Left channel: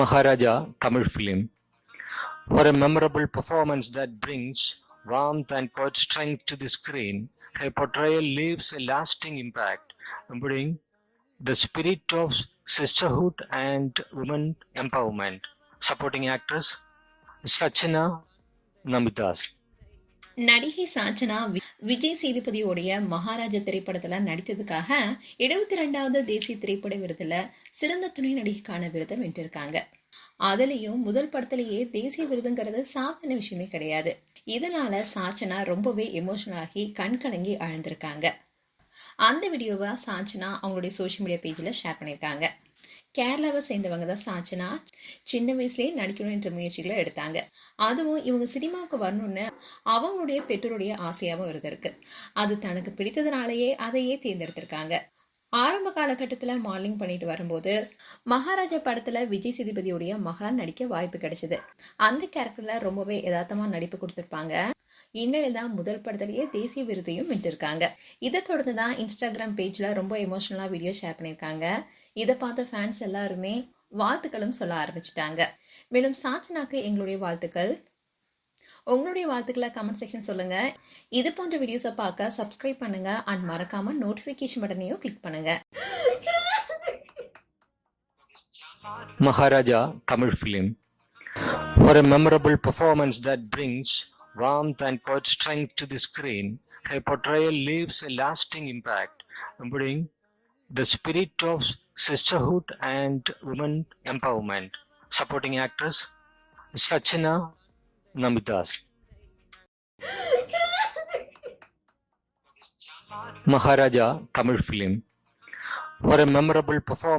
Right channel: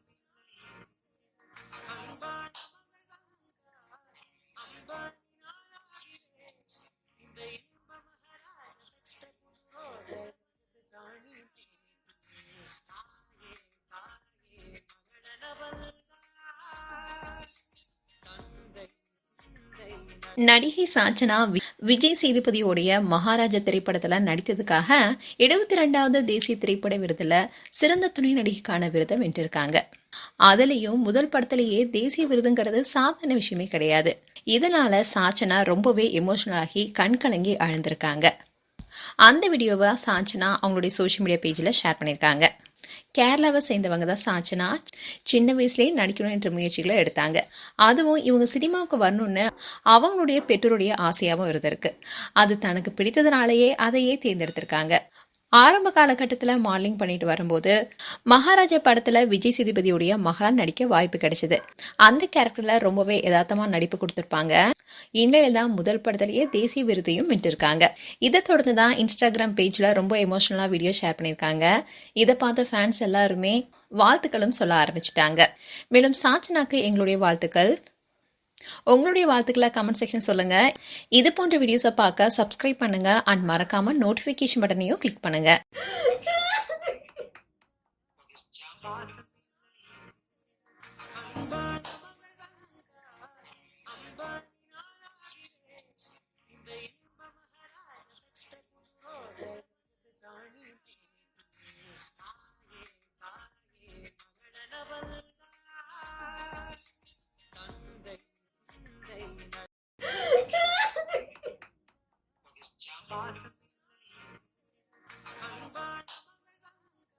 Maharaja Tamil film. For a memorable performance that brings warmth and quiet strength to the screen, her portrayal leaves a lasting impact, embodying the spirit of sisterhood and women empowerment. Supporting actress Sachina Namidas. நடிகை சாச்சனா விஜய் சேதுபதியோடைய மகாராஜா திரைப்படத்துல நடித்ததுக்காக 72வது தேசிய திரைப்பட விருதுல சிறந்த துணை நடிகைக்கான விருதை வென்றிருக்காங்க. அதுலயும் முதல் படத்திலேயே தேசிய விருதுங்கிறது சாதாரண விஷயமே கிடையாது. இதனால சாச்சனா ரொம்பவே எமோஷனல் ஆகி கண் கலங்கி அழுந்திருக்காங்க. அந்த வீடியோவை சாச்சனா அவங்களுடைய சோஷியல் மீடியா பேஜில் ஷேர் பண்ணியிருக்காங்க. கேரளாவை சேர்ந்தவங்க தான் சாச்சனா. சின்ன வயசுலேயே நடிக்கணும் என்ற முயற்சிகளை எடுத்தாங்க. அதுவும் இவங்க சினிமாவுக்கு வரணும்னு அவங்களுடைய பெற்றோருடைய ஆசையாகவும் இருந்திருக்கு. அது தனக்கு பிடித்ததுனாலேயே அதையே தேர்ந்தெடுத்திருக்காங்க. ஆரம்ப காலகட்டத்தில் மாடலிங் பண்ணிட்டு வரும்போது மகாராஜா படத்தில் விஜய் சேதுபதியுடைய மகளா நடிக்க வாய்ப்பு கிடைச்சது. அந்த கேரக்டரில் ரொம்பவே யதார்த்தமாக நடிப்பு கொடுத்துருப்பாங்க. இந்நிலையில் தான் முதல் படத்திலேயே தேசிய விருதையும் வென்றிருக்காங்க. இதை தொடர்ந்து தான் இன்ஸ்டாகிராம் பேஜில் ரொம்ப எமோஷனலாக வீடியோ ஷேர் பண்ணியிருக்காங்க. இதை பார்த்த ஃபேன்ஸ் எல்லாருமே வாழ்த்துக்களும் சொல்ல ஆரம்பிச்சிட்டாங்க. மேலும் சாச்சனாக்கு எங்களுடைய வாழ்த்துக்கள். உங்களுடைய வாழ்த்துக்களை கமெண்ட் செக்ஷன் சொல்லுங்க. இது போன்ற வீடியோஸை பார்க்க சப்ஸ்கிரைப் பண்ணுங்க அண்ட் மறக்காம நோட்டிஃபிகேஷன் பட்டனையும் கிளிக் பண்ணுங்க. Maharaja Tamil film. For a memorable performance that brings warmth and quiet strength to the screen, her portrayal leaves a lasting impact, embodying the spirit of sisterhood and women empowerment. Supporting actress Sachina Namidas. Maharaja Tamil film. For a memorable performance